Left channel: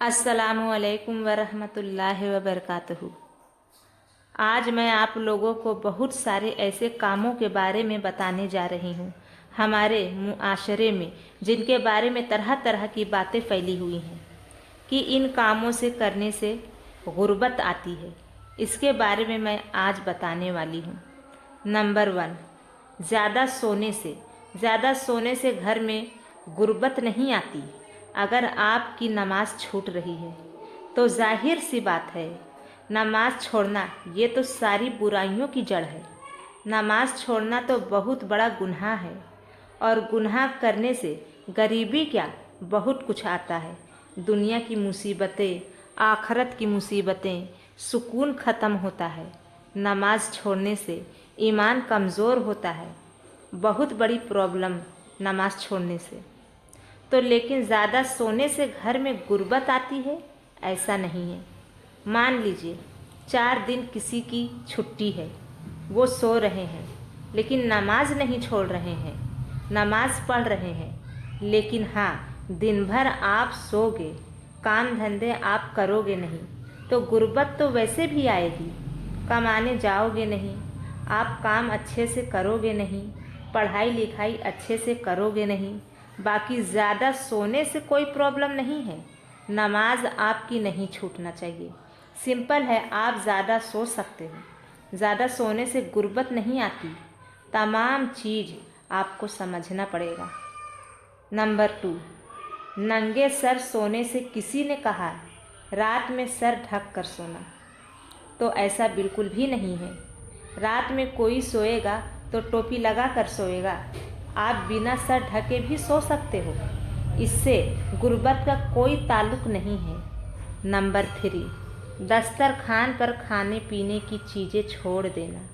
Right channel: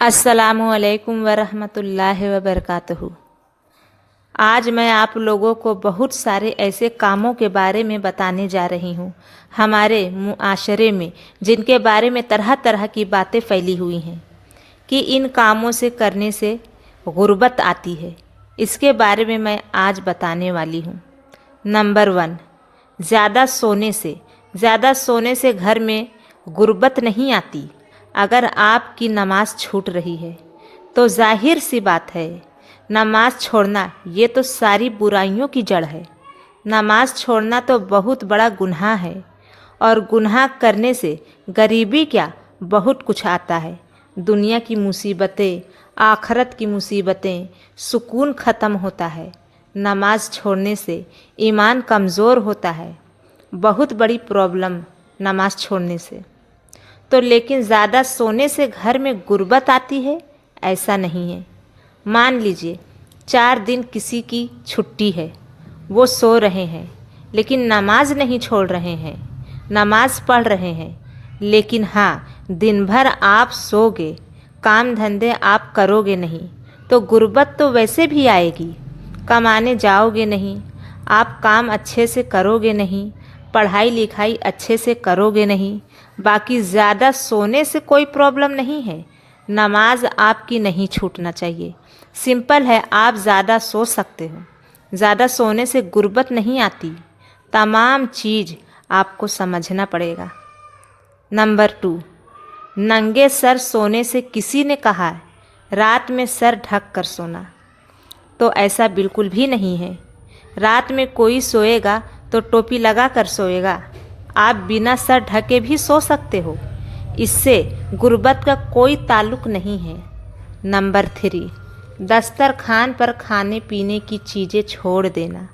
अस्सलामुअलैकुम वरहमतुल्लाहि वबरकातुहू। आज मैं आप लोगों को बहुत सारे ऐसे कामों के बारे में बताने जा रही हूँ हमारे मुआशरे में, जिनके बारे में तरह तरह की बातें फैली हुई हैं कि इन कामों से करने से गुर्बत आती है। इसके बारे में मैं आज बताने वाली हूँ। नंबर 1, ज़्यादा सोने से घर में गुर्बत नहीं आती। अगर आपकी नमाज छूट रही है तो जाहिर सी बात है, नमाज छोड़ना ये तो सारी बुराइयों की जड़ है। नमाज छोड़ना तो बहुत बड़ा गुनाह है, और गुनाह करने से गरीबी क्या बहुत कुछ आता है। दुनिया की मुसीबतें, आखरत की मुसीबतें, सुकून ख़त्म होता है। नमाज छोड़ने से ईमान कमज़ोर होता है। बहुत बड़ी प्रॉब्लम नमाज छोड़ने से। तो लेकिन ज़्यादा सोने से घर में गुर्बत आती है, ऐसा नहीं है। मान लीजिए 4 दिन किसी की छुट्टी है, वो सो रहे हैं लेकिन नमाज नहीं छोड़ रहे हैं, नमाज पढ़ रहे हैं। लेकिन हाँ, दिन भर आप सोगे, काम धंधे आप करोगे नहीं, तो गुर्बत तो वैसे भी आएगी। कमाने जाओगे नहीं, आप काम अच्छे से करोगे नहीं, पढ़ाई लिखाई अच्छे से करोगे नहीं। बाकी ज़्यादा सोने से कोई प्रॉब्लम नहीं है। नमाज आपकी नहीं छूटना चाहिए। सिंपल है, आप ज़्यादा सो सकते हो। ज़्यादा सोने से गुर्बत नहीं आती। तमाम चीज़ आपको समझना पड़ेगा। नंबर 2, नंगे सर सोने से किसी ने कहा है रात में सर ढक कर सोना, तो ऐसा बिल्कुल भी नहीं है। रात में कोई सोएगा तो टोपी लगा कर सोएगा। आप बिना सर ढके भी सो सकते हो, इससे गुर्बत का कोई ताल्लुक नहीं है। नंबर 3, दस्तरखान पर खाने पीने की चीज़ें छोड़ देना।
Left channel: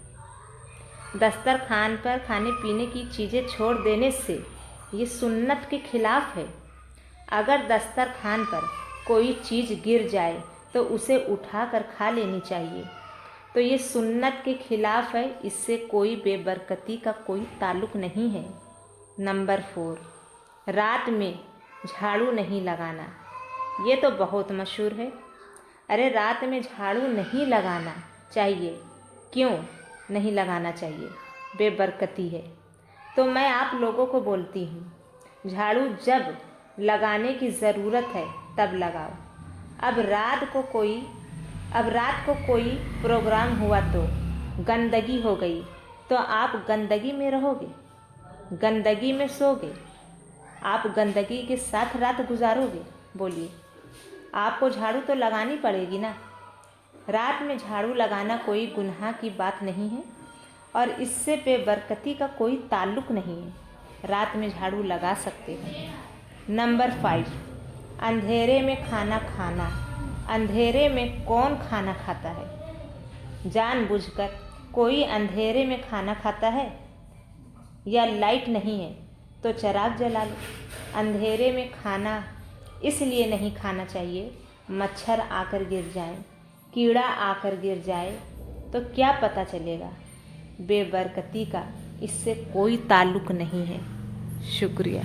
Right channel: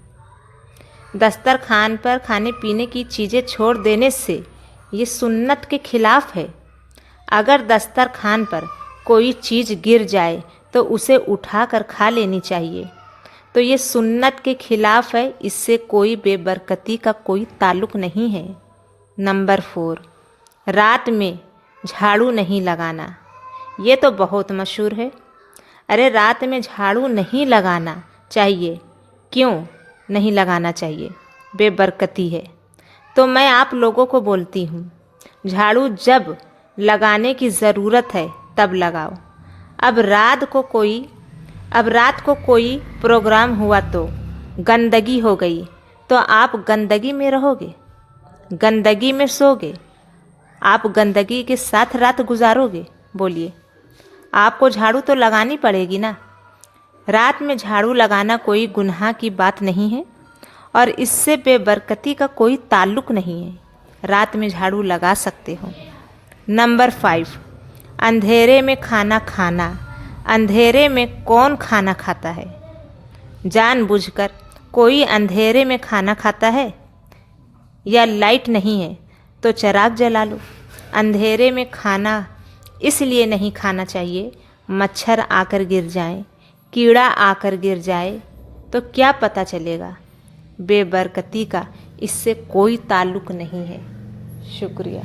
दस्तरखान पर खाने पीने की चीज़ें छोड़ देने से ये सुन्नत के खिलाफ है। अगर दस्तरखान पर कोई चीज़ गिर जाए तो उसे उठाकर खा लेनी चाहिए, तो ये सुन्नत के खिलाफ है। इससे कोई बेबरकती का कोई ताल्लुक नहीं है। नंबर 4, रात में झाड़ू नहीं लगाना। ये तो बहुत मशहूर है। अरे रात में झाड़ू नहीं लगाना चाहिए। क्यों नहीं लगाना चाहिए? बेबरकती है। तो मैं आप लोगों को बोलती हूँ, झाड़ू जब लगाने की ज़रूरत है तब लगाओ। अब रात को कोई प्रोग्राम हुआ तो गंदगी हो गई, तो आप गंदगी में रहोगे, गंदगी में सोगे, आप गंदगी के साथ रात गुजारोगे? बोलिए, आपको झाड़ू तो लगानी पड़ेगी ना। रात में झाड़ू लगाना कोई गुनाह की बात नहीं है, और इससे बेबरकती का कोई ताल्लुक नहीं है। रात में झाड़ू लगा सकते हो। नंबर 5, अंधेरे में खाना खाना। अंधेरे में कौन खाना खाता है? जानबूझकर कोई अंधेरे में खाना खाता है? या लाइट नहीं है तो चिराग जला लो। अंधेरे में खाना इसलिए नहीं खाना चाहिए, मच्छर आकर गिर जाए, कीड़ा आकर गिर जाए तो क्या पता चलेगा। बेबरकती का इससे कोई ताल्लुक नहीं है। शुक्रिया।